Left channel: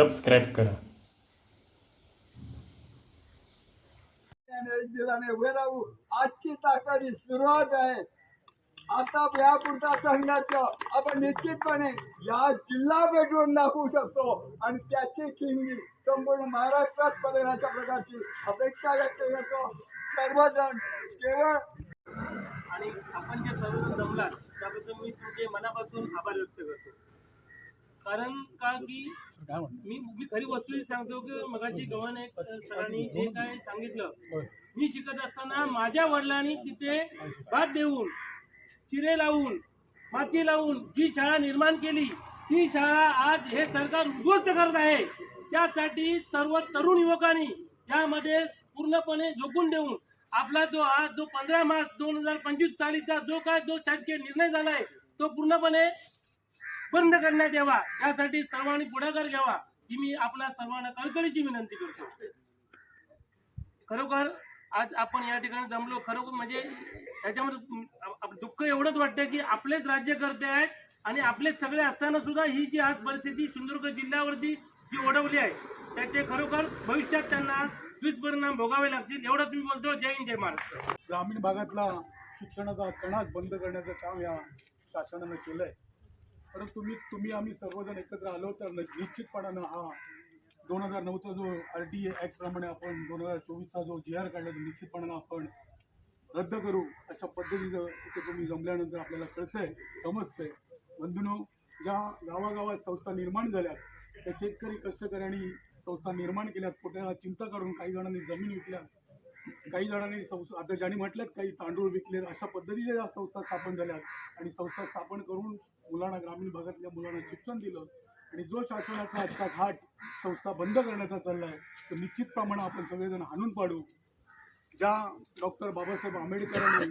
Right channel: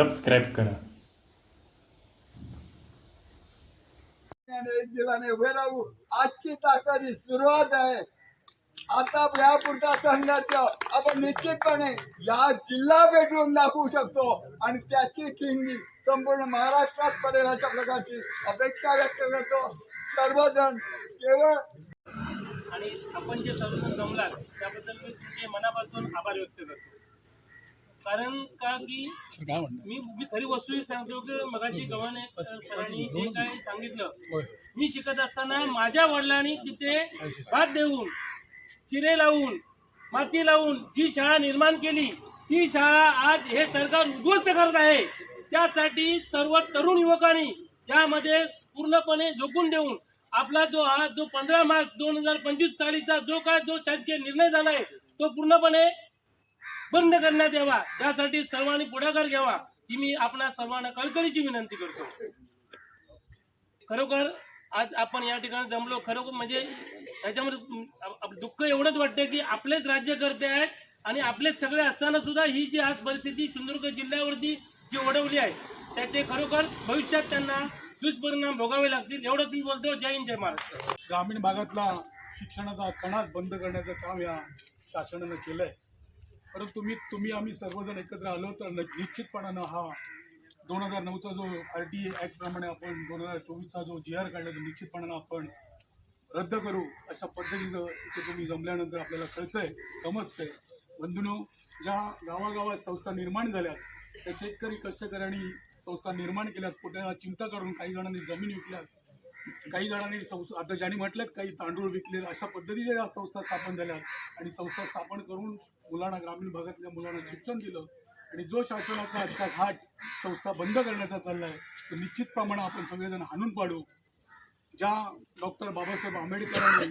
Subscribe करा. एक दिलाने उभे राहू. आजची ताकदी सुरुवात आहे. आता यापुरता संघाचं आपण निश्चितपणे या जिल्हा भेटून दाखवू शकतो आणि त्याची ठिणगी संपूर्ण महाराष्ट्रात पडेल अशा प्रकारची अपेक्षा व्यक्त करतो. सर्वजण केवळ आणि आपण जे सर्वजण जमलात त्याबद्दल मी तुमचे मनापासून आभार व्यक्त करतो. कारण का की मी खरी वस्तू सांगतो की मगाशी गव्हाणे सरांनी जे काय सांगितलं, मी शिकत असताना माझ्या वडिलांनी तिथे भात देऊन, चिरे लावून, माती लावून जी शाळा निर्माण केली, ती शाळा आज हे सरकार उद्ध्वस्त करत आहे. त्यासाठी सर्व तरुण युवकांनी यामध्ये पूर्णपणे झोकून देऊन आपला जो 15 मार्च 2025 सालीचा जो शासकीय निर्णय झाला आहे तो पूर्णपणे बंद करण्यात यावा, यासाठी सर्वांनी पुढाकार घ्यावा ही मी आपणा सर्वांना कळकळीची विनंती करतो. खरोखर आज आपण या ठिकाणी जमलो, खरोखर म्हणजे याच्यामध्ये दुःख एवढंच वाटतं की आपलेच राज्यकर्ते आहेत आणि आपलेच सगळे असताना सुद्धा ही जी आज परिस्थिती सिंधुदुर्ग जिल्ह्यावरती जी ओढवली आहे त्याचे खरोखर भविष्यात त्यांना दुष्परिणाम भोगावे लागतील. एवढंच मी बोलतो. जय हिंद, जय महाराष्ट्र. ग्रामीण भागातला शिक्षणाचा कणाच बंद करण्याचं काम या शासनानं केलं आहे. परंतु तुम्ही आम्ही सर्वजण एकत्र आलो तर निश्चितपणानं हा 2009चा जो RTA ॲक्ट प्रमाणे आपण 2024चा जो GR काढला तो निश्चितपणानं आपण रद्द करू अशा पद्धतीचं इथे तुम्ही जमल्यानंतर आपल्याला कळतंय, समजतंय. बंधूंनो, ज्या गावागावात संस्था निर्माण झाल्या त्या शेतकरी कष्टकऱ्यांनी संस्था निर्माण केल्यात, पोटाला चिमटा काढून काही जणांनी जमीन विकल्यात, काही जणांनी आता ज्यांनी म्हटल्यात काही तांदूळ विकले, अशा पद्धतीच्या या संस्था स्थापन झाल्यात आणि संस्था स्थापन करून मुलांना, ग्रामीण भागातल्या मुलांना शिक्षण दिलं. आणि जो शासनाचा आजचा घाट संस्था बंद करण्याचा चालला आहे तर निश्चितप्रमाणे आपण सगळेजण हाणून पाडू. ज्या डॉक्टर बाबासाहेब आंबेडकरांनी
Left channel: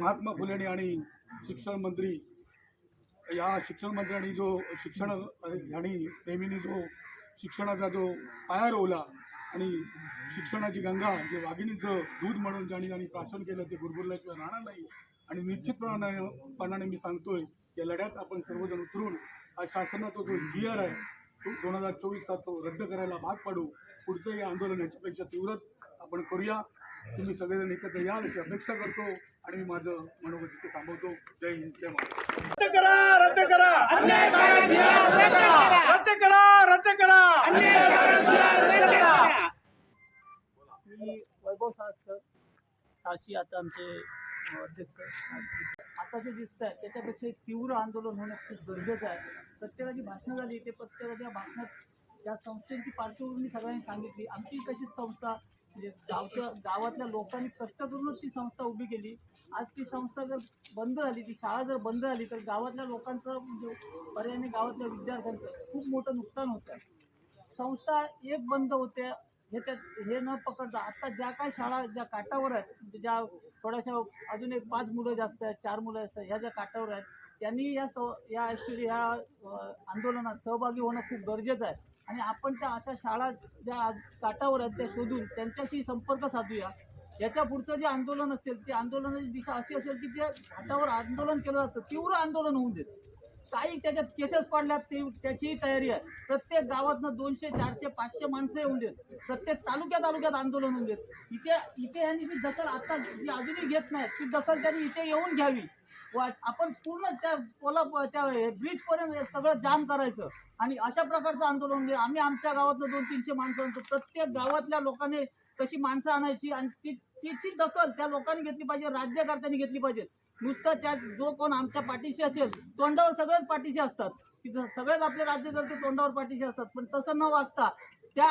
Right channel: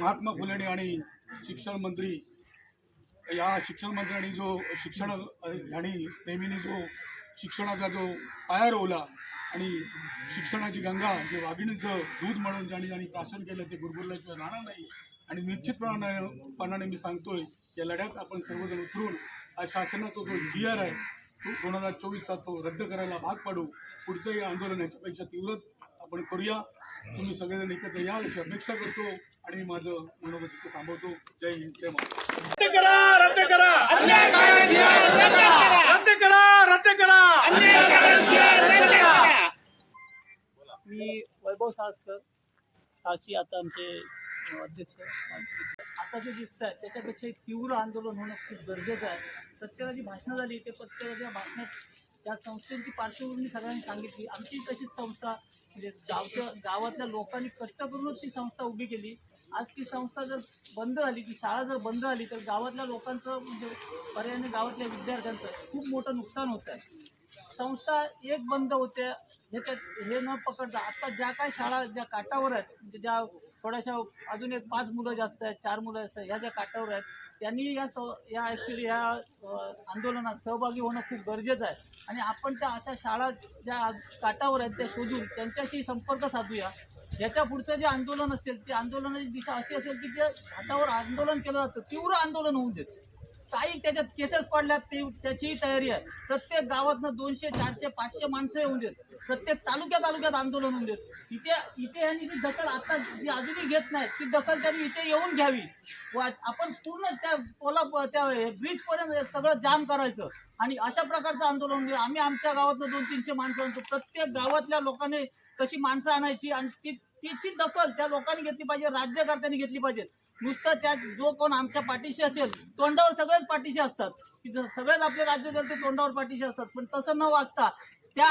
महात्मा फुलेंनी आणि शिक्षण मंत्र्यांनी जो शिक्षण आणि प्रेमींनी जो शिक्षणाचा जो पाया रोवला आणि शिक्षणाची गंगा जे वाघिणीचं दूध म्हणून ज्यांनी प्राशन केलं ते गुरगुरल्याशिवाय राहणार नाही. आणि निश्चितपणाने मी सांगतोय या लढ्यात आपण सर्वजण उतरून हा शासनाचा जो GR आहे तो 2024चा तो रद्द करायला भाग पाडू. पुढचंही आंदोलन याच्यापेक्षा तीव्र आपण करूया. तुम्ही सगळेजण एकत्र याल अशी अपेक्षा करतो आणि मी माझं मनोगत इथे थांबवतो. जय हिंद, जय महाराष्ट्र. रद्द करा, रद्द करा, रद्द करा, रद्द करा. मी वैभव साहसी आता आमचे अध्यक्ष. आता जे दिसत आहे त्याच्यापेक्षा एक तीव्र आंदोलन होणं खूप गरजेचं आहे. प्रत्येकाची भाषणं झाली, ते प्रत्येकाच्या भाषणात त्या संस्थेची पार्श्वभूमी सगळ्यांनी सांगितली. आमची तशीच संस्था म्हणजे गावातल्या लोकांनी कष्ट करूनच ती संस्था उभी केली. आज ती संस्था जर बंद झाली, ती शाळा जर बंद झाली तर गावातल्या लोकांचं म्हणजे पर्यायाने गावातल्या विद्यार्थ्यांचं खूप मोठं नुकसान होतं आहे. संस्था एक बंद होते हे न पकडता आता ज्या काय शाळा ज्या काठावर आहेत, म्हणजे ज्या थोड्याशा अजून एक 5 मुलं जास्त आहेत, 4 मुलं असतात, ह्या ज्या काठावर आहेत त्यांनी या आंदोलनात सहभागी होणं खूप गरजेचं आहे. आणि आपण त्या अशा शाळा ज्या काठावर आहेत त्या शोधून त्यांच्याशी संपर्क साधूया. याच्या पुढचं जे आंदोलन असेल ते आंदोलनाची दिशा अशी असेल की जे घाटावर आंदोलन केलं जातं तीव्र आंदोलन होऊन देत. काही त्याच्यात केसेस पडल्यात त्याचीही तयारी आहे. प्रत्येक गावातनं 200, 400, 500 माणसं येऊन देत. प्रत्येक तालुक्यात आंदोलन होऊन देत. इथे यांनी जी दखल आता जी अजूनही घेत नाहीत ती दखल त्यांनी इथे येऊन घ्यावी. आपण पूर्ण त्या ब्रिजपर्यंत सगळं जाम करायचं आणि अशा प्रकारचं आंदोलन. आम्ही आमच्या गावातनं 200-300 माणसं आणतो. प्रत्येक गावातल्या लोकांनी तशी माणसं आणायची आणि तिची दखल त्या लोकांनी घेतली पाहिजे, राज्यकर्त्यांनी घेतली पाहिजे. नुसतं त्या जो कोण आमच्या पाठीशी असेल, तोंडावर सगळेच पाठीशी असतात की सगळेच आपले राज्यकर्ते तोंडावर पाठीशी असतात, पण तसं न वागता त्या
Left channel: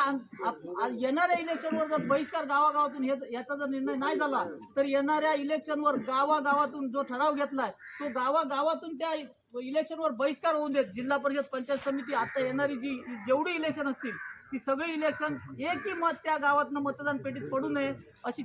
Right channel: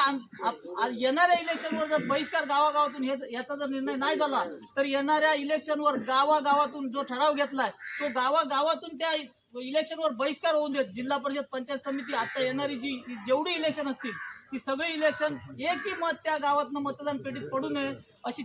येणाऱ्या इलेक्शनवर जर बहिष्कार गावागावातून याचा जर निर्णय नाही झाला तर येणाऱ्या इलेक्शनवर गावागावातून जो ठराव घेतलाय तो गावागावातून त्या इलेक्शनवर बहिष्कार होऊन देत. जिल्हा परिषद, पंचायत समिती, आता येणारी जेवढी इलेक्शन असतील ती सगळी इलेक्शन एकही मत त्या गावातनं मतदान पेटीत पडू नये अशी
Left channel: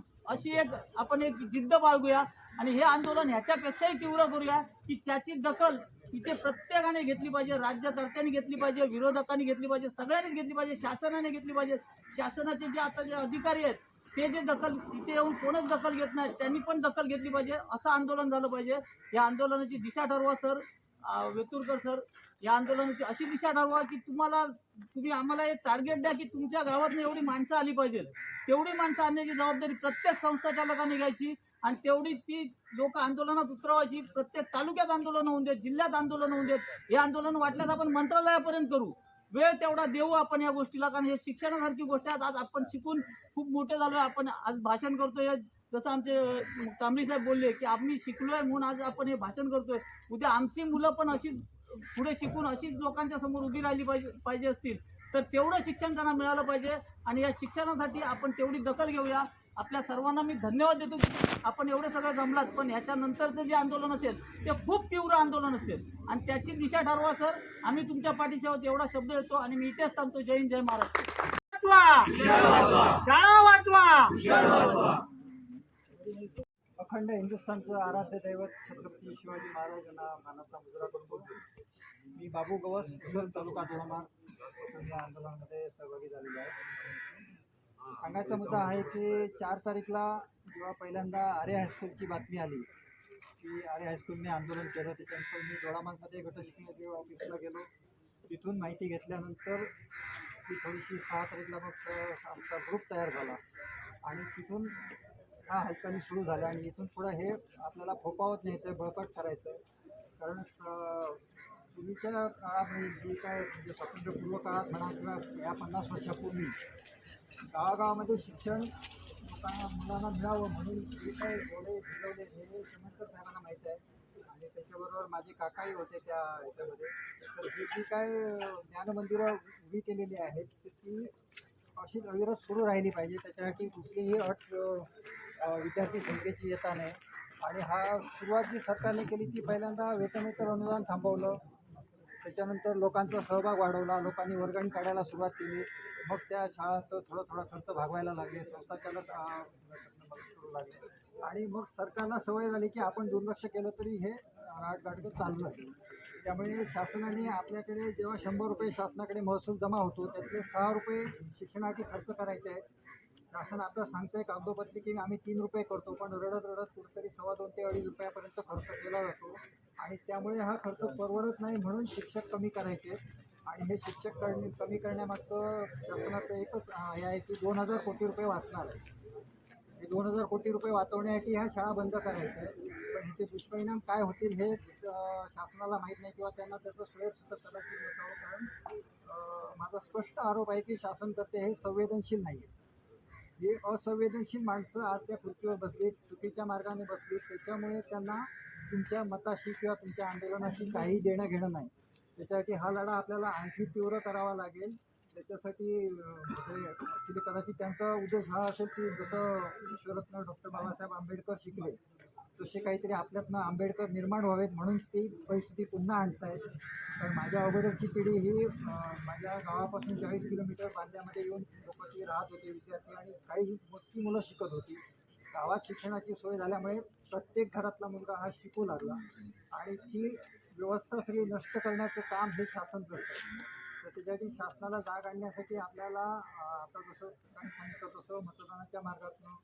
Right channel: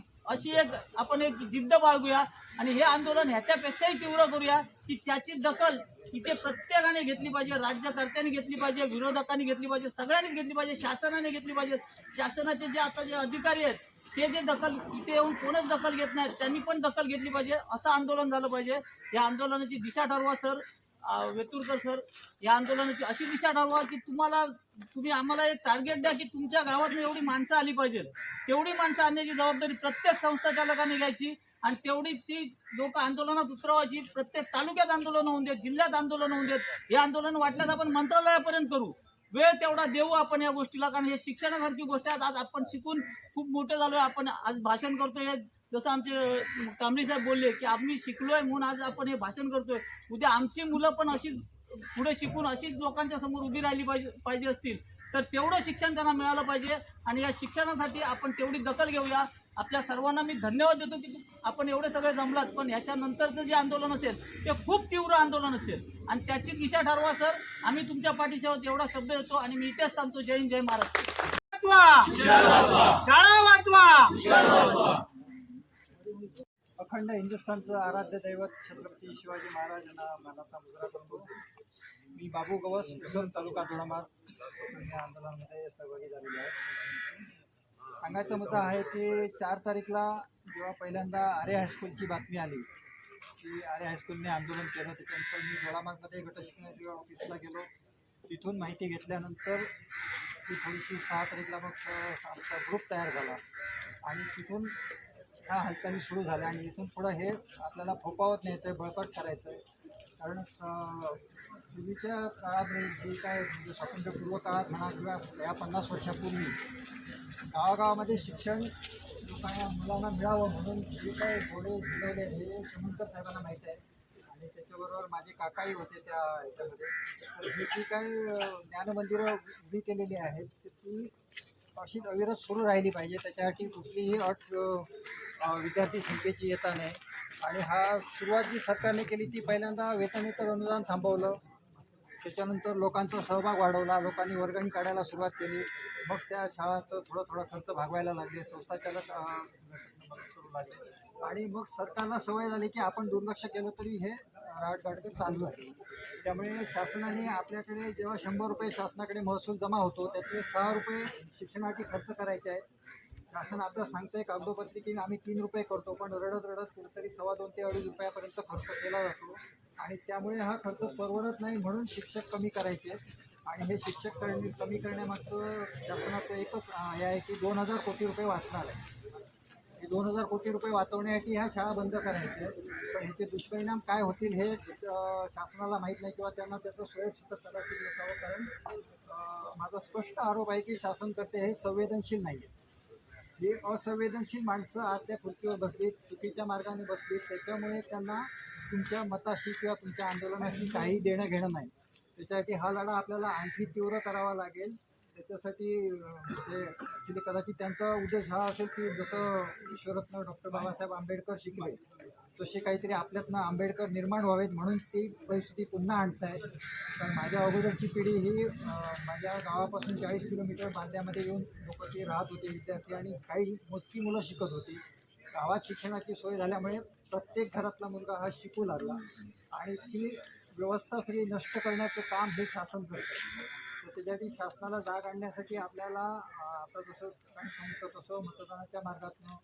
आपण एक जिद्द बाळगूया. आणि हे आंदोलन ह्याच्यापेक्षाही तीव्र करूया की त्याची दखल इथे प्रत्येकाने घेतली पाहिजे, राज्यकर्त्यांनी घेतली पाहिजे, विरोधकांनी घेतली पाहिजे, सगळ्यांनीच घेतली पाहिजे, शासनाने घेतली पाहिजे. शासनाचे जे आता जे अधिकारी आहेत ते जे दखल इथे येऊन कोणच दखल घेत नाहीत त्यांनी पण दखल घेतली पाहिजे. असं आंदोलन झालं पाहिजे. या आंदोलनाची दिशा ठरवा सर. वेतुरकर सर या आंदोलनाची अशी दिशा ठरवा की तुम्ही आम्हाला एक टार्गेट द्या की तुमच्या गावात एवढी माणसं आली पाहिजे, तेवढी माणसं आणण्याची जबाबदारी प्रत्येक संस्था चालकांनी घ्यायची आणि तेवढी ती लोक आंदोलनात उतरवायची. प्रत्येक तालुक्यात आंदोलन होऊन देत, जिल्ह्यात आंदोलन होऊन देत. हे आंदोलन वाटल्यास आपण मंत्रालयापर्यंत करू, वेळ तेवढा देऊ आपण या गोष्टीला, कारण हे शिक्षणासारखी गोष्ट आहे. आज आपण शिकून खूप मोठे झालोय, आपण आज भाषण करतोय. जसं आमचे कांबळे साहेब बोलले की आम्ही शिकलोय म्हणून आज आपण हे भाषण करतोय. उद्या आमची मुलं पण अशीच पुढे शिकून अशीच लोकांच्या समोर उभी राहिली पाहिजे असतील तर तेवढं शिक्षण त्यांना मिळालं पाहिजे. आणि या शिक्षणासाठी आपण तेवढी दखल घेऊया. आपल्या सर्वांना मी धन्यवाद देतो की आपण एवढे सगळे जमलात, पण ह्याच्यानंतरचं जे आंदोलन असेल ते खूप तीव्र आंदोलन असेल आणि त्याची दिशा ठरवा सर. आम्ही तुमच्या पाठीशी आहोत एवढा शब्द देतो आणि मी इथेच थांबतो. जय हिंद, जय महाराष्ट्र. शाळा वाचवा. अखंड हिंदुस्थानचं आराध्य दैवत छत्रपती शिवाजी महाराजांना मानाचा मुजरा करतो. मी बाबू गवस, उसन तालुका दोडामार्ग या आंदोलनामध्ये सहभागी झालेलो आहे. सांगायचा मुद्दा आहे की 4 तारीखला जेव्हा पहिल्यांदा आर्य हायस्कूलची बातमी आली की आर्य हायस्कूलने आंदोलन केलं, त्याच्यानंतर मी दोडामार्गमध्ये गट शिक्षणाच्या ऑफिसला गेलो. तिथून माहिती घेतल्यानंतर ती थोडीशी 6 तारीखला मग आमचा ग्रुप तयार झाला आणि तिथून ह्या हालचाली सुरू झाल्या. आणि इथून पुढं हे आपल्याला फोपावत न्यायचं आहे, बळकट करायचं आहे. कारण पूर्वीच्या काळामध्ये जी काय म्हणजे स्वातंत्र्यपूर्व काळात म्हणा किंवा या 50 वर्षापूर्वी गावागावामध्ये शिक्षण लोकांना मुलांना मिळावं म्हणून जे काय घोडे झुलवले हे सुमंतर साहेबांना माहीत आहे. आणि त्याच्याबरोबर माझे काकाही होते त्या ह्याच्यामध्ये. तर ही जी काय ज्ञानमंदिरं उभी केलेली आहेत ती अशीच अविरत सुरू राहिली पाहिजे. त्याच्यासाठी कुठलीही अट विद्यार्थी संख्येची येता नाही. आणि हा सुरुवात जी सरकारने केली ती पहिल्यांदा वेतनेतर अनुदान थांबवलं, त्याच्यानंतर लोकांचा सहभाग वाढवला, लोकांनी वर्गणी काढायला सुरुवात केली. मग त्या शाळांचं थोडा खर्च भागवायला लागले, संस्थाचालक करू लागले. आणि मग सरकारला सवय झाली की आपण दुर्लक्ष केलं तरी हे राटगाडगं चालू आहे. त्यामुळे शासनाने आपल्याकडे जेव्हा 100 रुपये शासनाकडे महसूल जमा होतो त्यातले 6 रुपये शिक्षणासाठी खर्च करायचे आहेत. शासन आता सांगतंय कागदोपत्री की आम्ही 3 रुपये करतो, पण रडत कुठेतरी 2.25 ते 2.5 रुपयापर्यंत खर्च केला जातो. आणि त्यामुळे हा खर्च परवडत नाही, म्हणून शिक्षक कमी करायचे. आणि हे शिक्षक कमी करण्यामागचं शासनाचं एकच हे आहे की 2000 कोटी रुपये वाचणार आहे. हे 2000 कोटी रुपये वाचवण्यासाठी ह्या शाळा बंद करायच्या आहेत. पण ह्याचे दुष्परिणाम काय होतील हे शासनाला माहीत नाही किंवा त्यांना त्याचं स्वयंसिद्ध कदाचित नसावं. कारण माझा स्पष्ट आरोप आहे की शासनकर्ते हे संवेदनशील नाही आहेत. हे असंवेदनशील माणसं आज त्या खुर्चीवर बसलीत, चुकीच्या मार्गाने बसलीत. त्याच्यामुळे त्यांना तुमच्या मताशी किंवा तुमच्या आंदोलनाशी काही देणं घेणं नाही. त्याच्यासाठी हा लढा आपल्याला आणखी तीव्र करावा लागेल. त्याच्यासाठी म्हणजे ॲक्च्युली कदाचित त्यांचा उद्देश हा असेल की जसं ईश्वररत्न डॉक्टर बाबासाहेब आंबेडकर शिकले तसे काहीतरी आपल्यातनं आंबेडकर निर्माण व्हावेत म्हणून ती परिस्थिती पुन्हा आणत आहे. कारण माझ्या अगोदरची पिढी ही माझ्या गावापासून 40 किलोमीटर बांद्यामध्ये येऊन लोक ती राहत होते, विद्यार्थी, आणि काही मोजकी मुलं शिकत होती. गावात शिक्षणाची सोय झाल्यामुळे प्रत्येक घरातला मुलगा हा शिकू लागला आणि ती व्यवस्था सगळी नष्ट करण्याचं काम हे शासन करतं. तर त्याच्यासाठी शासनाला जाग आणण्यासाठी आपल्याला आता जसं काही सांगितलं तसं मतदानाच्या मार्गातनं,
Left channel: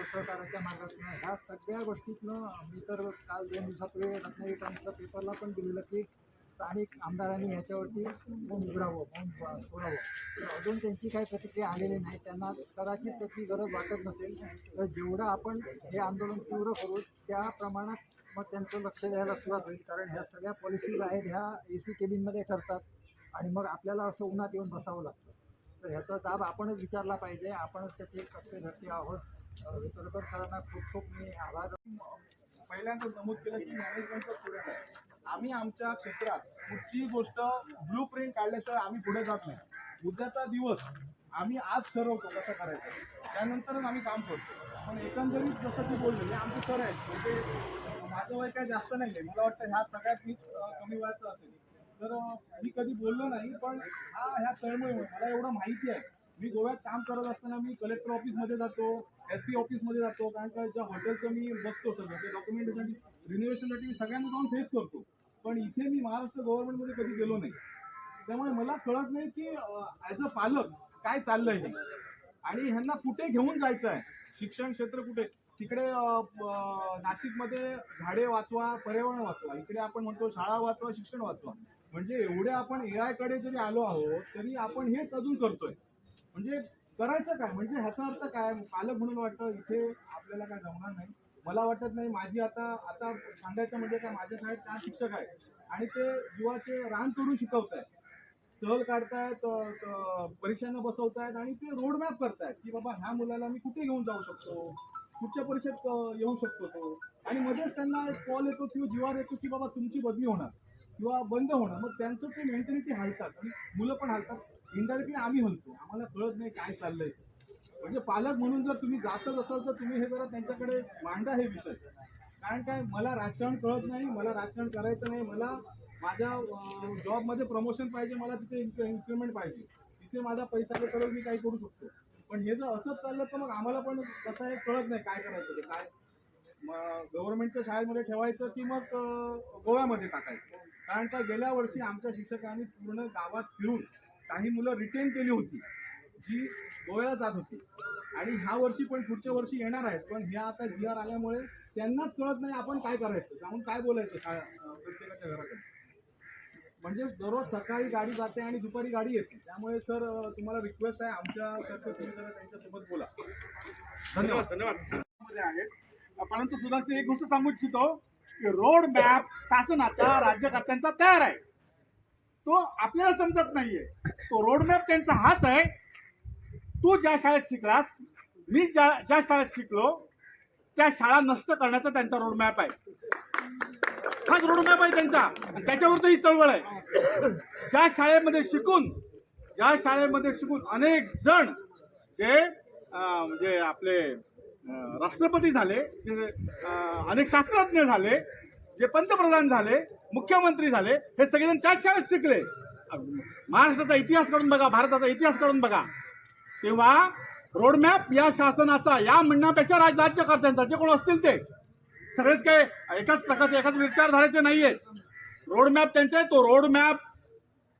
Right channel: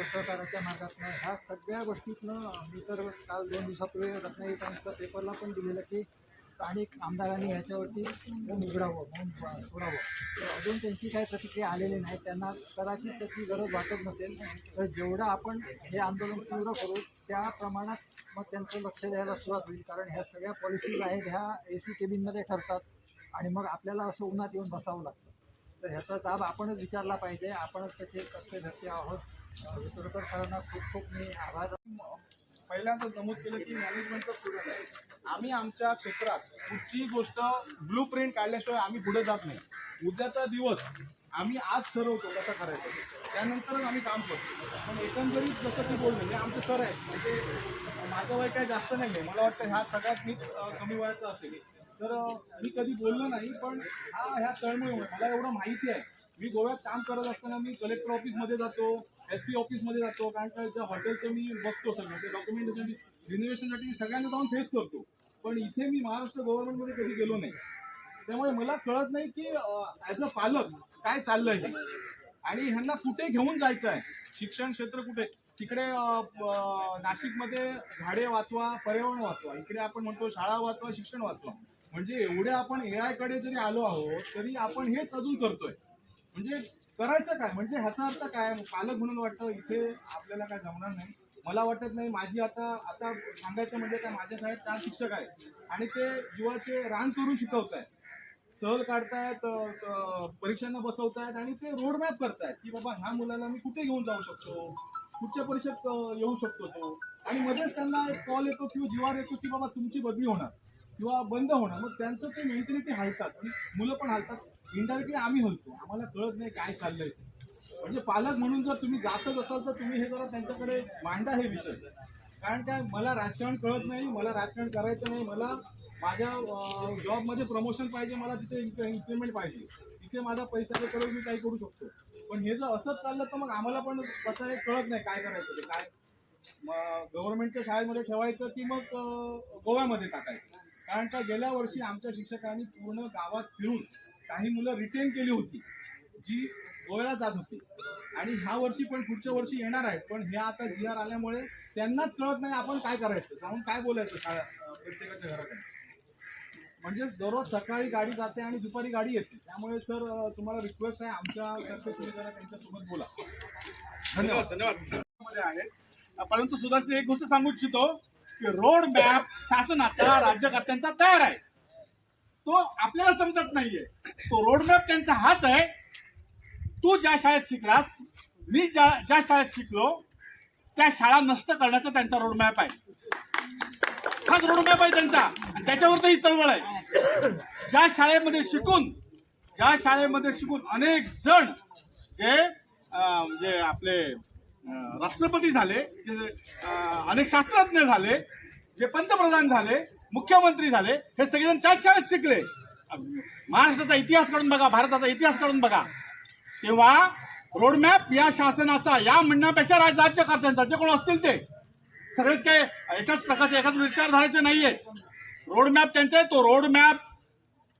असहकाराच्या मार्गातनं, ह्या सगळ्या गोष्टीतनं मी तर काल 2 दिवसापूर्वी रत्नागिरी टाइम्सच्या पेपरला पण दिलेलं की स्थानिक आमदारांनी ह्याच्यावरती मौन उघडावं, मौन सोडावं. तर अजून त्यांची काही प्रतिक्रिया आलेली नाही. त्यांना कदाचित त्याची गरज वाटत नसेल. तर जेवढं आपण हे आंदोलन तीव्र करू त्या प्रमाणात मग त्यांचं लक्ष द्यायला सुरुवात होईल. कारण ह्या सगळ्या पॉलिसीज आहेत ह्या AC केबिनमध्ये ठरतात आणि मग आपल्याला असं उन्हात येऊन बसावं लागतं. तर ह्याचा दाब आपणच विचारला पाहिजे. आपणच त्याचे कर्तेधर्ते आहोत. वितुरकर सरांना खूप मी आभार. पहिल्यांदा नमूद केलं की मॅनेजमेंटचा स्टुडंट आहे. आम्ही आमच्या क्षेत्रात कुठची गोष्ट ब्लू प्रिंट काढल्याशिवाय आम्ही पुढे जात नाही. उद्याचा दिवस आम्ही आज ठरवतो कसं करायचं, त्यानंतरच आम्ही काम करतो. पण एकंदरीत जसं की बोलले हे आमचे सर आहेत, म्हणजे माझं वय काय जास्त नाही आहे. मला वाटतं ह्या सगळ्यात मीच कमी वयाचं असेल. तर मी कधी बोललो नाही, पण ह्या तळमळीमुळे मला एवढं माहिती आहे. मी गोव्यात काम करत असताना मी कलेक्टर ऑफिसमध्ये जातो, SP ऑफिसमध्ये जातो, कारण का ज्या हॉटेलचं मी बघतो सगळं ते डॉक्युमेंटेशन रिनोव्हेशनसाठी मी सगळ्यांना जाऊन फेस करतो. पण इथे मी महाराष्ट्र गव्हर्नमेंटमध्ये कधी गेलो नाही. त्यामुळे मला कळत नाही की ॲज अ पालक काय चाललं आहे आणि ह्यांना कुठे घेऊन जायचं आहे, शिक्षण क्षेत्र कुठे. तिकडे नाशिकमध्ये झाडे वाचवा, पर्यावरण वाचवा, इकडे आपण म्हणतो शाळा वाचवा, शिक्षण वाचवा. म्हणजे एवढे आपण AI कडे जरी आलो आहोत तरी आपण हेच अजून करतोय. म्हणजे करायचं काय, म्हणजे ह्याचा अर्थ काय? पालक म्हणून वाटतं इथे आपल्याला काय जमणार नाही. मला वाटत नाही. माझी आता आता सांगायचं म्हणजे काय, माझ्या शाळेत 4 शिक्षक आहेत आणि ते जीवाचे रान करून शिकवतायत, सहल काढतायत, परीक्षांना बसवतायत आणि ते रोड मॅप करतायत की बाबा ह्या मुलाला मी कुठे घेऊन जाऊ शकतो, कुठच्या परीक्षेत येऊ शकतो तो. आणि मध्येच त्यांना एक कॉल येतो किंवा जीवार येतो की बाबा तुमची बदली होणार किंवा बंद होणार. मग त्यांचं ते मेंटॅलिटी हलतात आणि मुलं पण हलतात. इनडायरेक्टली आम्ही हलतो, आम्हाला कळत नाही काय चाललंय ते. म्हणजे पालक म्हणून जर तुम्ही जातच असाल तर तुम्ही हे जरा त्यांच्याकडे मांडा हे विषय. कारण काय, मला राजकारण कळत नाही, मला राजकारण करायचं नाही. मला माझ्या जॉबमध्ये प्रमोशन पाहिजे, मला तिथे इन्क्रीमेंट पाहिजे, तिथे माझ्या पैशाचे करून मी काही करू शकतो. पण हे जर असंच चाललं तर मग आम्हाला पण कसं आहे कळत नाही काय करायचं ते. काय मग गव्हर्नमेंटच्या शाळेमध्ये ठेवायचं की मग गोव्यामध्ये टाकायचं. कारण काय, गेल्या वर्षी आमच्या शिक्षकांनी पूर्ण गावात फिरून काही मुलं रिटेन केली होती जी गोव्याला जात होती. आणि ह्या वर्षी पण पुढच्या वर्षी येणार आहेत. पण हे आता GR आल्यामुळे त्यांनाच कळत नाही आपण काय करायचं, जाऊन काय बोलायचं शाळा प्रत्येकाच्या घरात. म्हणजे दररोज सकाळी गाडी जाते आणि दुपारी गाडी येते. त्यामुळे सर तुम्हाला रिक्वेस्ट आहे, आमच्यातर्फे तुम्ही जरा त्यांच्यासोबत बोला. धन्यवाद. मध्ये आहेत. परंतु सुधारशी एक गोष्ट सांगू इच्छितो की रोड मॅप शासनाचा राज्यकर्त्यांचा तयार आहे, तो आपल्याला समजत नाहीये. तो रोड मॅप त्यांचा हाच आहे. तू ज्या शाळेत शिकलास, मी ज्या शाळेत शिकलो, त्या शाळा नष्ट करण्याचा त्यांचा रोड मॅप आहे. हाच रोड मॅप आहे त्यांचा आणि त्याच्यावर ही चळवळ आहे. ज्या शाळेमध्ये शिकून अनेक जण जे आपले राष्ट्रपती झाले, जे अनेक शास्त्रज्ञ झाले, जे पंतप्रधान झाले, मुख्यमंत्री झाले, हे सगळेजण त्याच शाळेत शिकले. महाराष्ट्राचा इतिहास काढून बघा, भारताचा इतिहास काढून बघा. तेव्हा रोडमॅप या शासनाचा, या म्हणण्यापेक्षा राज्यकर्त्यांचा, जे कोण असतील ते सगळेच काय एकाच प्रकारचे, एकाच विचारधारेचे नाहीये. रोडमॅप त्यांचा आहे. तो रोडमॅप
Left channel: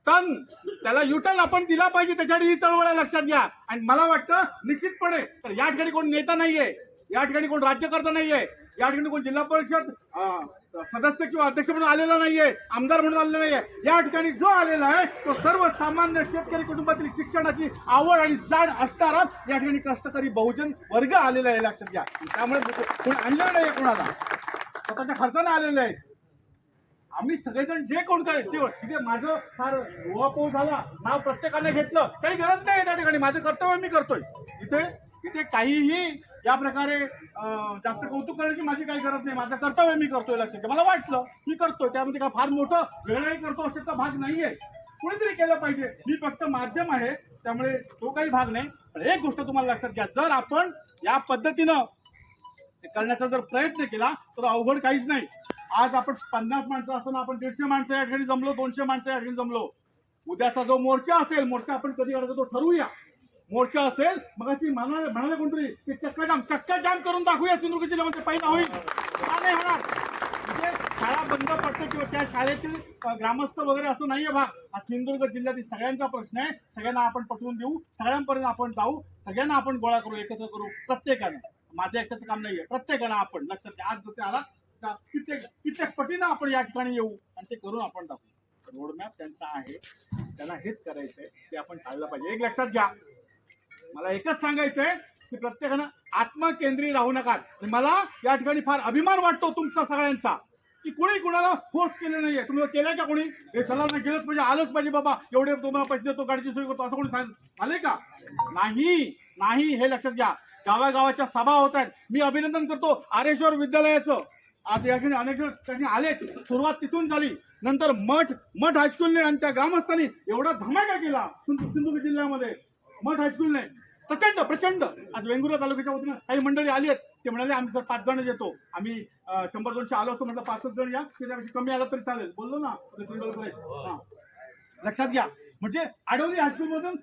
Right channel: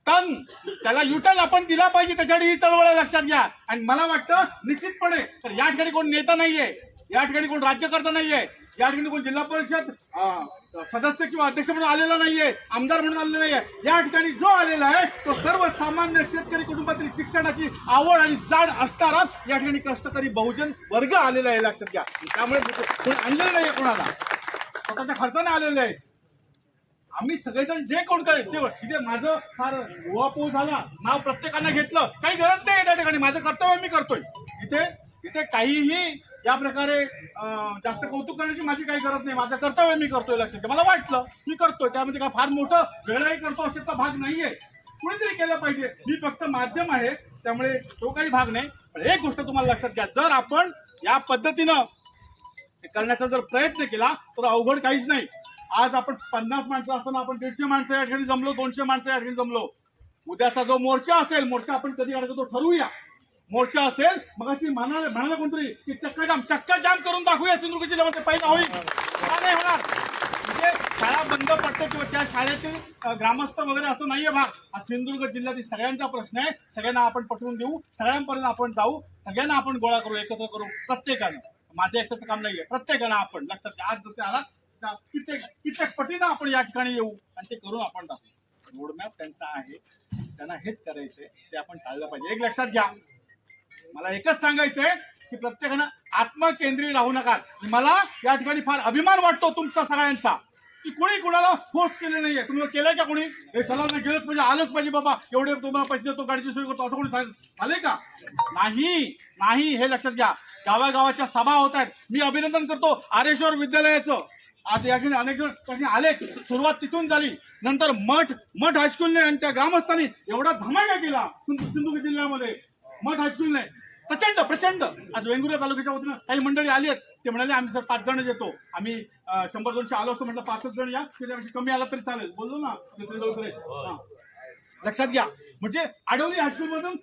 त्याला युटर्न आपण दिला पाहिजे. त्याच्यासाठी ही चळवळ आहे, लक्षात घ्या. आणि मला वाटतं निश्चितपणे तर या ठिकाणी कोण नेता नाहीये, या ठिकाणी कोण राज्यकर्ता नाहीये, या ठिकाणी कोण जिल्हा परिषद सदस्य किंवा अध्यक्ष म्हणून आलेला नाहीये, आमदार म्हणून आलेला नाहीये. या ठिकाणी जो आलेला आहे तो सर्वसामान्य शेतकरी कुटुंबातील शिक्षणाची आवड आणि जाण असणारा या ठिकाणी कष्टकरी बहुजन वर्ग आलेला आहे, लक्षात घ्या. त्यामुळे कोण आणलेलं नाहीये, कोणाला स्वतःच्या खर्चाने आलेले आहेत. आम्ही सगळेजण जे कोण करायचे, तिथे माझं फार उहापोह झाला, नाव प्रत्येकाने घेतलं, काही गरज नाही. त्या ठिकाणी माझं कर्तव्य मी करतोय. इथे काहीही या प्रकारे जास्त कौतुक करण्याची माझी काही गरज नाही. माझं कर्तव्य मी करतोय, लक्षात घ्या. मला वाटलं मी करतोय, त्यामध्ये काय फार मोठं वेळही करतो असेल भाग नाहीये. कुणीतरी केलं पाहिजे. मी फक्त माध्यम आहे, त्यामुळे तो काही भाग नाही. पण एक गोष्ट तुम्हाला लक्षात घ्या, जर आपण या पद्धतीनं करण्याचा जर प्रयत्न केला तर अवघड काहीच नाही. आज आपण 50 माणसं असताना आपण 150 माणसं या ठिकाणी जमलो, 200 माणसं या ठिकाणी जमलो. उद्याचा जो मोर्चा असेल, मोर्चा आपण कधी काढायचा तो ठरवूया. मोर्चा असेल मग अशी म्हणाले कोणतरी की चक्का जाम करून दाखवूया सिंधुदुर्ग जिल्ह्यामध्ये, पहिला होईल का नाही होणार. म्हणजे शाळा बंद पडतो किंवा त्या शाळेतील ग्रामस्थ वगैरे असं नाहीये भाग. हा सिंधुदुर्ग जिल्ह्यातील सगळ्यांचा प्रश्न आहे. सगळ्यांना आपण पटवून देऊ, सगळ्यांपर्यंत आपण जाऊ, सगळ्यांना आपण गोळा करू, एकत्र करू. प्रत्येकानं, माझं एकट्याचं काम नाहीये, प्रत्येकानं आपण लक्षात घ्या. आज जसे आला कित्येक पटीनं आपण या ठिकाणी येऊ आणि ते करून आपण दाखवू. रोडमॅप त्यांचा आहे, त्यांना हेच करायचंय, ते आपण टाळलं पाहिजे. एक लक्षात घ्या, मला एकच सांगायचंय की प्रत्येकानं आत्मकेंद्रीय राहू नका. मला या ठिकाणी फार अभिमान वाटतो तुमचा सगळ्यांचा की कोणी कुणाला फोर्स केले नाहीये. तुम्ही केलंय का कोणी, हे चला ना गेलंच पाहिजे, आलंच पाहिजे बाबा, एवढे तुम्हाला पैसे देतो, गाडीची सोय करतो, असं कोणी झालंय का? नाही, हे लक्षात घ्या. गावागावाच्या सभा होत आहेत. मी अभिनंदन करतो आरेश्वर विद्यालयाचं. आज या ठिकाणी अनेक जण आले, सुरुवात तिथून झाली. नंतर मठ हायस्कूलने आणि त्या ग्रामस्थांनी एवढा धमाका केला सिंधुदुर्ग जिल्ह्यामध्ये. मठ हायस्कूलने प्रचंड आज वेंगुर्ला तालुक्याच्या वतीनं काही मंडळी आली आहेत. ते म्हणाले आम्ही सर 5 जण येतो, आम्ही 100-200 आलो असतो. म्हटलं 5च जण या, त्याच्यापेक्षा कमी आला तरी चालेल, बोललो ना. लक्षात घ्या. म्हणजे आडवली हायस्कूलमधून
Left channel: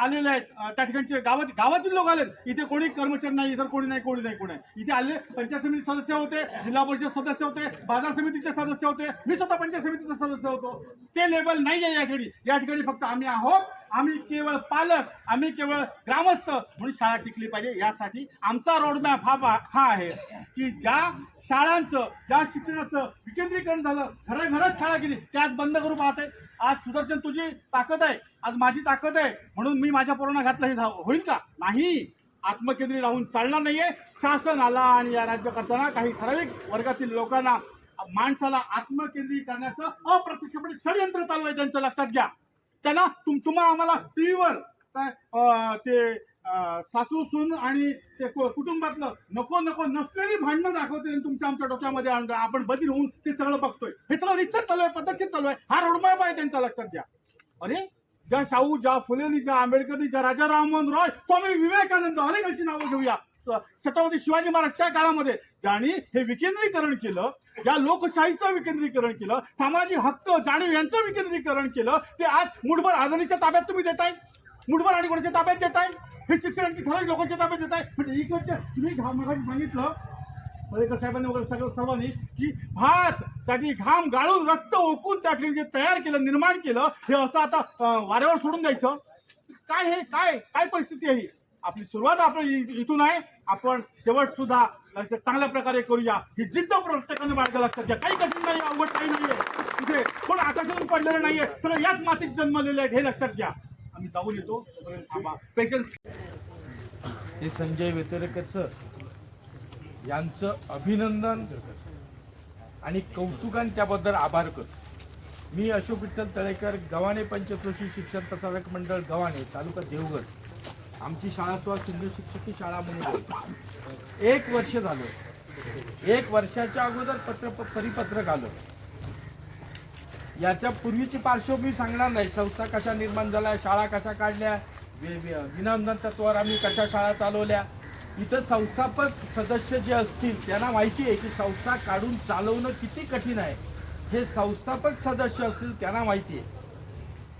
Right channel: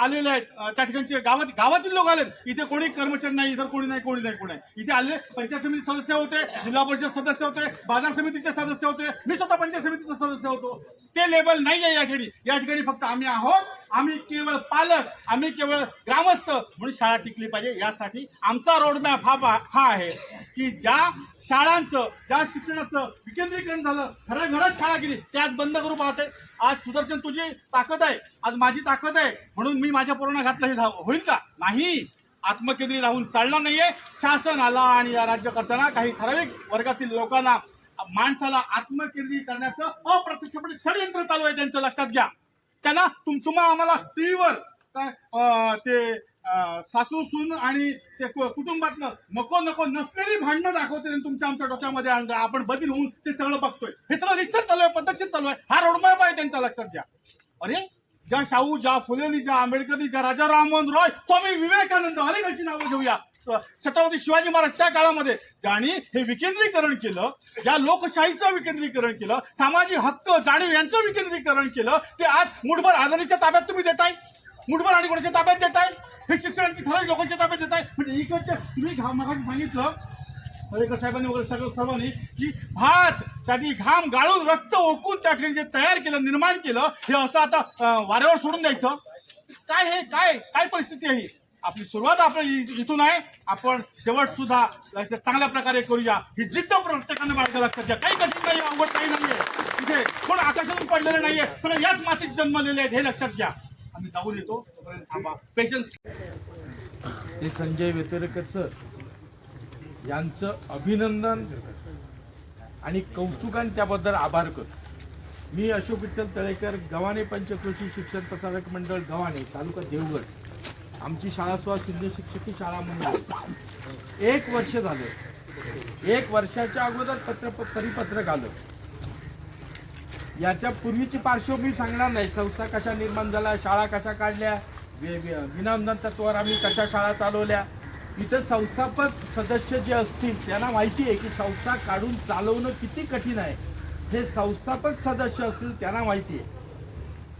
आलेले आहेत, त्या ठिकाणचे गावातील लोक आलेत. इथे कोणी कर्मचारी नाही, इतर कोणी नाही. इथे आले पंचायत समिती सदस्य होते, जिल्हा परिषद सदस्य होते, बाजार समितीचे सदस्य होते, मी स्वतः पंचायत समितीचा सदस्य होतो. ते लेबल नाही आहे या ठिकाणी फक्त आम्ही आहोत. आम्ही केवळ पालक, आम्ही केवळ ग्रामस्थ म्हणून शाळा टिकली पाहिजे. यासाठी आमचा रोडमॅप हा आहे की ज्या शाळांचं, ज्या शिक्षणाचं विकेंद्रीकरण झालं, घराघरात शाळा गेली, ते आज बंद करू पाहते. आज सुदर्शन तुझी ताकद आहे, आज माझी ताकद आहे म्हणून मी माझ्या पोरांना घातलं, हे होईल का? नाही. आत्मकेंद्रित राहून चालणार नाहीये. शासन आला आणि या राज्यकर्त्यांना, काही ठराविक वर्गातील लोकांना, माणसाला आत्मकेंद्रित करण्याचं अप्रत्यक्षपणे षडयंत्र चालू आहे त्यांचं. लक्षात घ्या. त्यांना तुम्हाला आम्हाला टीव्हीवर ते सासू सून आणि ते कुटुंबातलं नको नसलेली भांडणं दाखवते आणि तुमच्या आमच्या डोक्यामध्ये आपण बदल होऊन ते सगळं बघतोय. हे सगळं रिसर्च चालू आहे, पद्धतशीर चालू आहे. हा रोडमॅप आहे त्यांचा. लक्षात घ्या. अरे ज्या शाहू, ज्या फुलेनी, ज्या आंबेडकरनी, ज्या राजा राममोहन रॉय, स्वामी विवेकानंद, अनेकांची नावं घेऊया. छत्रपती शिवाजी महाराज त्या काळामध्ये ज्यांनी हे विकेंद्रीकरण केलं, ज्या लोकशाहीचं विकेंद्रीकरण केलं, सामाजिक हक्क जाणीव यांचं विकेंद्रीकरण केलं, ते आज मुठभर अदानीच्या ताब्यात तुम्ही देताय, मुठभर आणि कोणाच्या ताब्यात देताय, हे शिक्षणाची ठराविक लोकांच्या ताब्यात देताय. म्हणजे इकडचे तुम्ही मागाशी सांगितलं पर्रिकर साहेबांनी वगैरे सर्वांनी की भात साठी घाम गाळून रक्त ओकून त्या ठिकाणी जे तयार केलं, निर्माण केलं, हे असं आता वाऱ्यावर सोडून द्यायचं. काय हे काय परिस्थिती आहे ही? आपली सुरुवात आपली इथून आहे. आपण शेवट सुद्धा चांगल्या प्रकारे करूया. ही जिद्द प्रत्येकाने बाळगा. लक्षात घ्या. काही कठीण नाही, अवघड काही नाहीये. इथे कोण आकाशातून पडलेलं नाहीये, सगळं याच मातीत जन्मलेले आहेत, हे लक्षात घ्या. आम्ही जाऊन येतो. पेशन्स. हे संजय वेतरेकर सर यांचं अभिनंदन आणि कौतुकाने त्याबद्दल आभार करतो. मी अशोक विठ्ठल तळेकर, गव्हाणे पंचक्रोशी शिक्षण प्रसारक मंडळ गव्हाणे, तालुका देवगड. आमची शाळा सुद्धा शिंदे शिक्षकी शाळा म्हणून आहे. 1 वर्ष झालं. 1 वर्षाच्या अगोदर परिपत्रक आलं. याच्या पूर्वीची पार्श्वभूमी सांगणार नाही. संस्था कशा निर्माण झाल्या, शाळा कशा काढल्या, विनामूल्य तत्वावर आम्ही कशा शाळा चालवल्या. इथं संस्थापक सदस्य जे असतील त्यांना माहिती आहे की संस्था काढून चालवणं किती कठीण आहे. जे संस्थापक सदस्य असतील त्यांना माहिती आहे.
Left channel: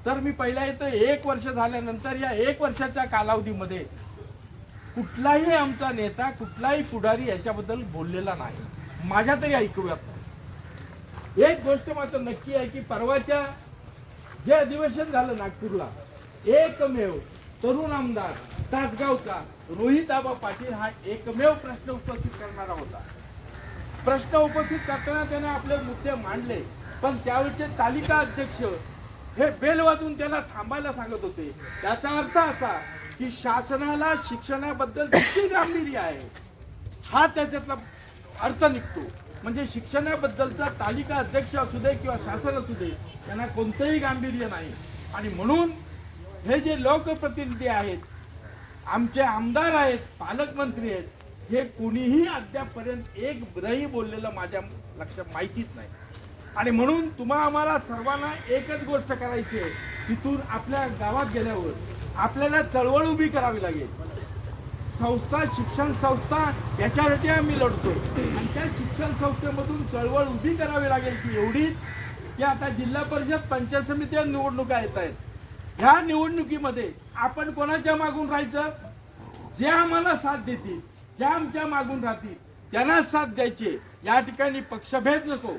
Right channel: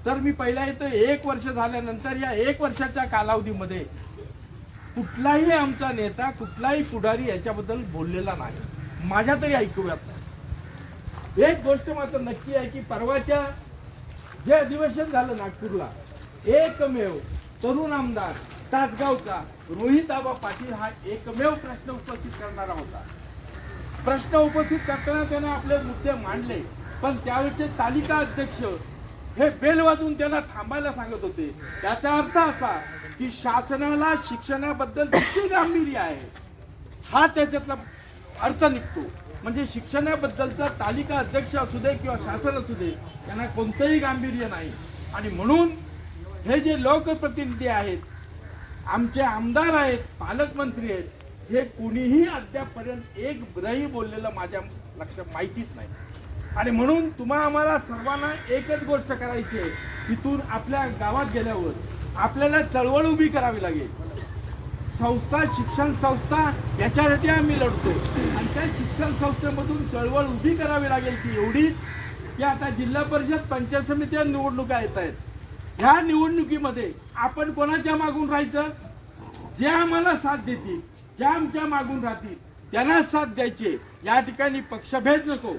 तर मी पहिला येतो. 1 वर्ष झाल्यानंतर या 1 वर्षाच्या कालावधीमध्ये कुठलाही आमचा नेता, कुठलाही पुढारी याच्याबद्दल बोललेला नाही, माझ्या तरी ऐकूयात नाही. एक गोष्ट मात्र नक्की आहे की परवाच्या जे अधिवेशन झालं नागपूरला, एकमेव तरुण आमदार तासगावचा रोहित आबा पाटील हा एकमेव प्रश्न उपस्थित करणारा होता. प्रश्न उपस्थित करताना त्याने आपले मुद्दे मांडले, पण त्यावेळेचे तालिका अध्यक्ष हे बेल वाजवून त्यांना थांबायला सांगत होते. त्याचा अर्थ असा की शासनाला शिक्षणाबद्दल किती गांभीर्य आहे हा त्याच्यातला अर्थ निघतो. म्हणजे शिक्षणाबद्दलचा तालिका अध्यक्ष असू दे किंवा शासन असू दे, त्यांना कोणतंही गांभीर्य नाही. आणि म्हणून हे जे लोकप्रतिनिधी आहेत, आमचे आमदार आहेत, पालकमंत्री आहेत, हे कुणीही अद्यापपर्यंत एक ब्रही बोललेलं माझ्या लक्षात माहितीच नाही. आणि म्हणून आम्हाला सर्वांना एकच गोष्ट करायची आहे. इथून आपल्या गावात गेल्यावर आपल्याला चळवळ उभी करावी लागेल. संस्था, शिक्षण संस्था याच्यासाठी आम्ही लढतो आणि त्या शिक्षण संस्थेमधून चळवळ उभी करावी लागेल ती एवढीच की आता जिल्हा परिषद, पंचायत समिती निवडणुका येत आहेत. ह्या निवडणुकीमध्ये आपण कोणाच्या मागून राहायचं? जे आम्हाला साथ देतील, ज्या आमच्या मागून राहतील त्यांना साथ द्यायची. या ठिकाणी पक्षभेद नको,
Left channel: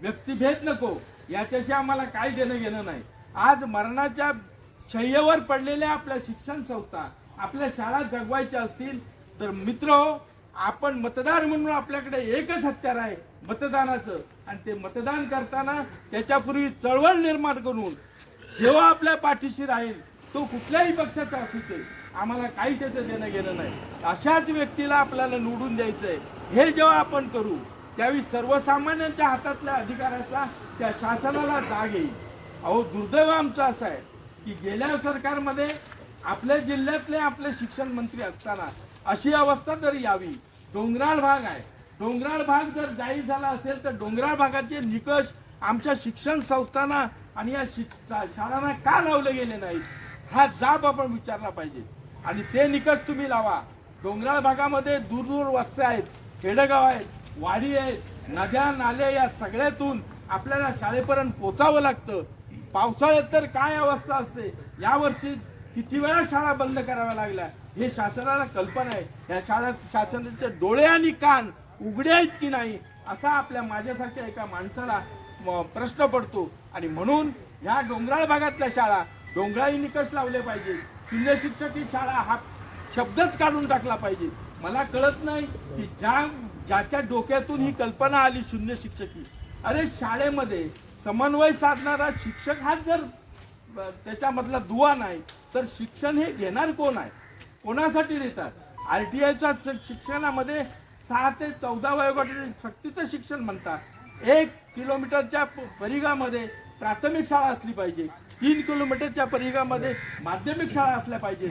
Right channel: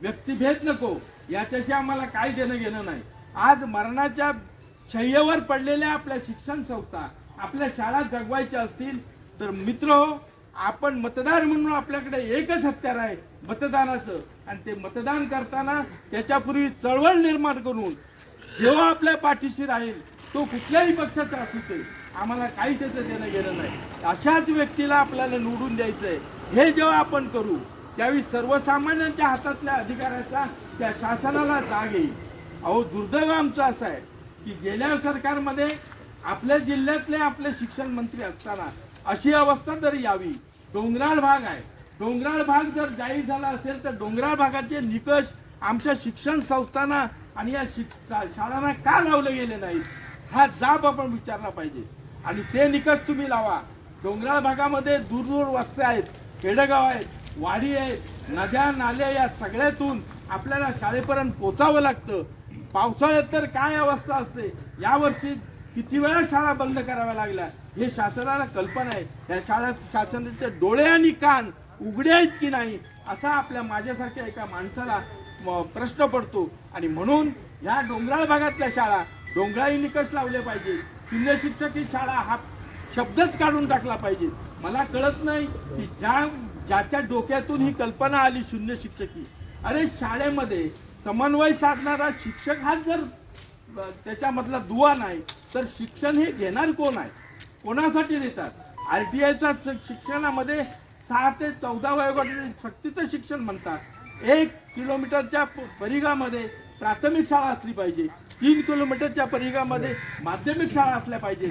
व्यक्तिभेद नको, याच्याशी आम्हाला काय देणं घेणं नाही. आज मरणाच्या शय्येवर पडलेल्या आपल्या शिक्षण संस्था, आपल्या शाळा जगवायच्या असतील तर मित्रहो, आपण मतदार म्हणून आपल्याकडे एकच हत्यार आहे, मतदानाचं. आणि ते मतदान करताना त्याच्यापूर्वी चळवळ निर्माण करून जेव्हा आपल्या पाठीशी राहील तो कुठल्याही पक्षाचा असू दे, आम्हाला काही त्याचं देणं घेणं नाही. अशाच व्यक्तीला आपल्याला निवडून द्यायचंय. हे जेव्हा आपण करू त्यावेळी सर्वसामान्यांच्या हातातल्या अधिकाराचा त्या शासनाला जाग येईल. अहो, दुर्दैव आमचं असं आहे की गेल्या सरकारमध्ये आपल्या जिल्ह्यातले आपले शिक्षण मंत्री असताना अशी अवस्था जर यावी. डोंगराळ भाग आहे, डोंगराळ भाग जर जाहीर झाला असेल तर डोंगराळ भागाचे निकष आमच्या शिक्षण संस्थांना आणि या शाळांना का लावले गेले नाहीत हा जाब आपण विचारला पाहिजे. आणि ते निकष तुम्ही लावा. डोंगराळ भागामध्ये दूर वस्त्या आहेत, खेडेगाव आहेत, वाडी आहेत, नद्या नाले, या सगळ्यातून आपल्याला शाळेपर्यंत पोचावं लागतं. पावसाळ्यात तर काय अवस्था असते. यावर्षी किती वेळा शाळा बंद कराव्या लागल्या हे शासनाला कल्पना आहे. या शाळेत शासनाचे डोळे आणि कान उघडे आहेत की नाही असा आपल्या माझ्यासारख्या एका माणसाला प्रश्न पडतो. आणि म्हणून या डोंगराळ भागातल्या शाळा डोंगराळी निकष लावले पाहिजे. शून्य शिक्षक ही शाळा हा शब्दच काढून टाकला पाहिजे. मला कळत नाही की ज्याच्या डोक्यातून ही कल्पना आली शून्य शिक्षकी. अरे शाळेमध्ये समन्वय साधणारा शिक्षक हाच जर त्याच्यामधला दुवा नाही तर शिक्षण हे घेणार कोण आहे, कोणासाठी देतात. RTIच्या शिक्षणामध्ये 6 ते 14 वयोगटातील सक्तीचं शिक्षण म्हणतात. 1 किलोमीटरच्या परिघामध्ये प्राथमिक शाळा असली पाहिजे, 3 किलोमीटरच्या परिघामध्ये माध्यमिक शाळा असल्या पाहिजे.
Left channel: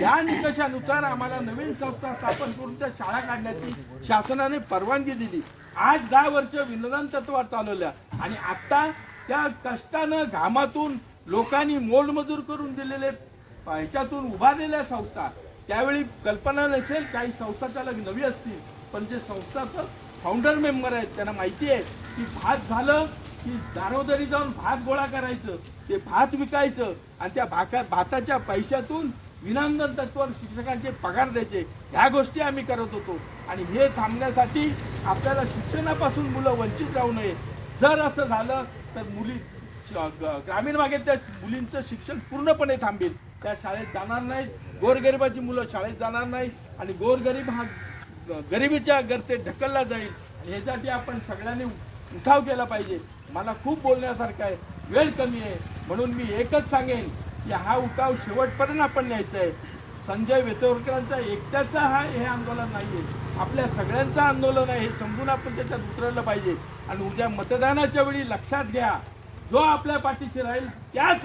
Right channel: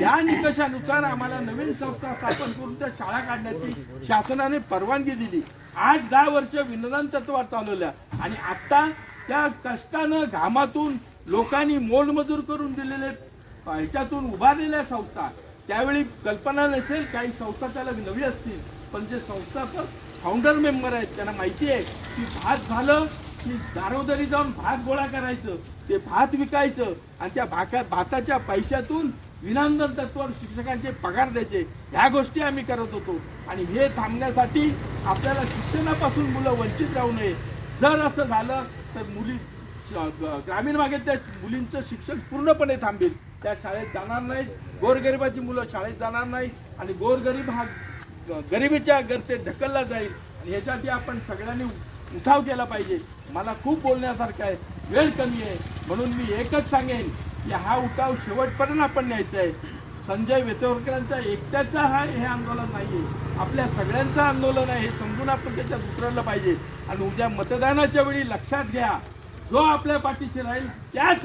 या निकषानुसार आम्हाला नवीन संस्था स्थापन करून त्या शाळा काढण्याची शासनाने परवानगी दिली. 8-10 वर्ष विनोदन तत्वावर चालवल्या आणि आता त्या कष्टानं घामातून लोकांनी मोलमजूर करून दिलेले ह्याच्यातून उभारलेल्या संस्था. त्यावेळी कल्पना नसेल, काही संस्था चालक नवी असतील, पण जे संस्थाचं फाउंडर मेंबर आहेत त्यांना माहिती आहे की भात झालं की दारोदारी जाऊन भात गोळा करायचं, ते भात विकायचं आणि त्या भाताच्या पैशातून विनामूल्य तत्वावर शिक्षकांचे पगार द्यायचे. ह्या गोष्टी आम्ही करत होतो आणि हे थांबण्यासाठी आपल्याला शिक्षणापासून मुलं वंचित राहू नये. जर असं झालं तर ग्रामीण भागातल्या मुलींचं शिक्षण पूर्णपणे थांबेल. त्या शाळेत जाणार नाहीत, गोरगरिबाची मुलं शाळेत जाणार नाहीत आणि गोरगरीब हा गरिबीच्या गर्तेत ढकलला जाईल. आणि ह्यासाठी आपण सगळ्यांनी उठाव केला पाहिजे. मला खूप बोलण्यासारखं आहे, वेळ कमी आहे, म्हणून मी एकच सांगेन की हा उठाव शेवटपर्यंत आपण न्यायचा आहे. संजय वेतोरकरांचा एकट्याचा हे आंदोलन नाही आहे, आपल्या सगळ्यांचं आंदोलन आहे हे समजून आपण त्याच्यात उतरलं पाहिजे. आणि उद्या मतदानाच्या वेळी लक्षात घ्या, जो आपल्या पाठीशी राहील त्याच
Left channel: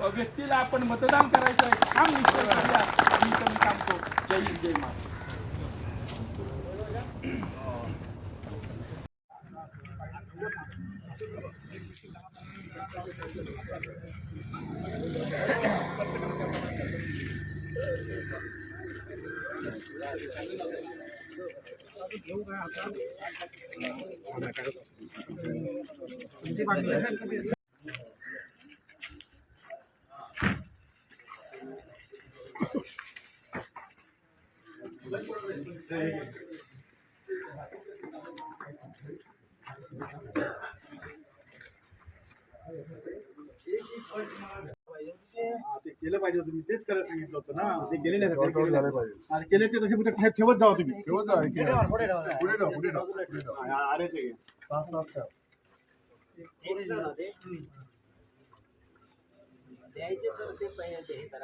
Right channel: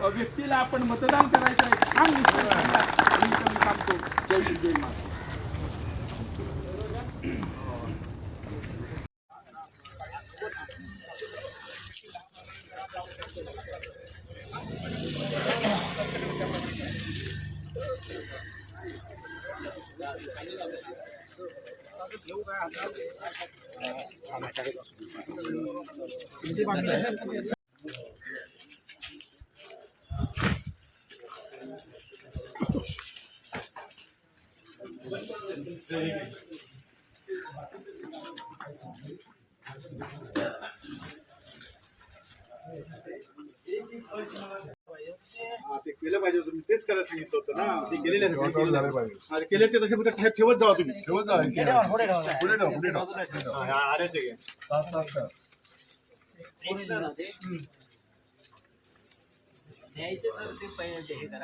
व्यक्तीला आपण मतदान करायचं आहे हा निश्चय करूया. मी सांगतो जय हिंद जय महाराष्ट्र. ते केलं पाहिजे, तुम्ही तेच करायला सांगितलं होतं ना. ते केलेले झाले पाहिजे, केले ते तसे फक्त ठेवत जावा तुम्ही. ठेवत जावा आऱ्याचे घ्या.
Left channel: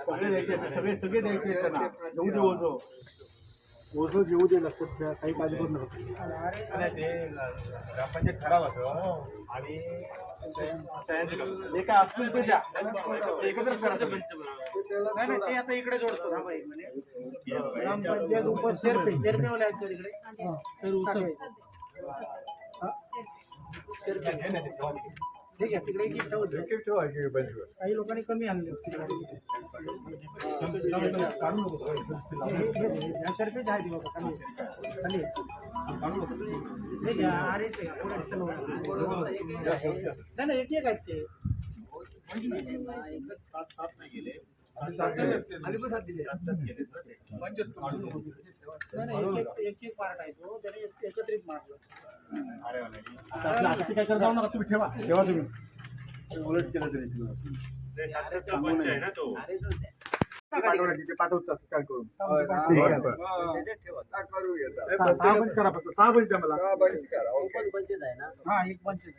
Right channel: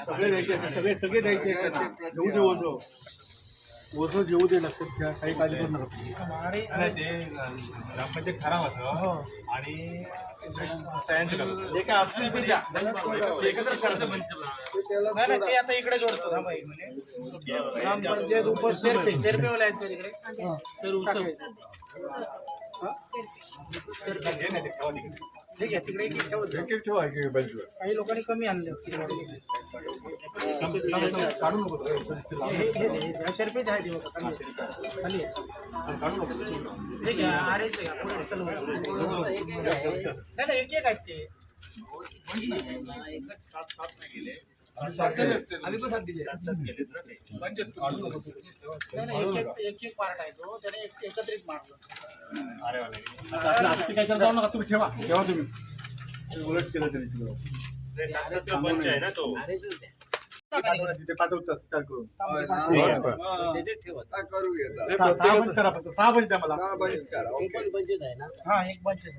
सगळे द्यायचे, सगळे द्यायचे. घेऊ दे ओझं जेवू दे. लक्षात ठेवा, काही काळजी करू नका. ते ग्रामपंचायत ठराव असं आणि काय असतील ते द्या, एकत्रच करायचं. नाही ते आता इकडे जोडतो. ठीक आहे, तिकडे काही लोकांनी कमी आणले काढू नको. शर्पेच आहे खाली काढू नको. ठीक आहे, नाही एक एक आहेत ते. सात नाही गेले, आम्ही पण 7 दिले. एक पार्ट आहे तो, त्याने एकत्रित मारलं. आता ते काय करत जाऊ नका, तुम्ही ठेवा तुम्ही. उलट केलं तरी पाठवतात काय करून. 6 बंच करा, फक्त 6 बंच द्या मला. हा, एक बंच आहे.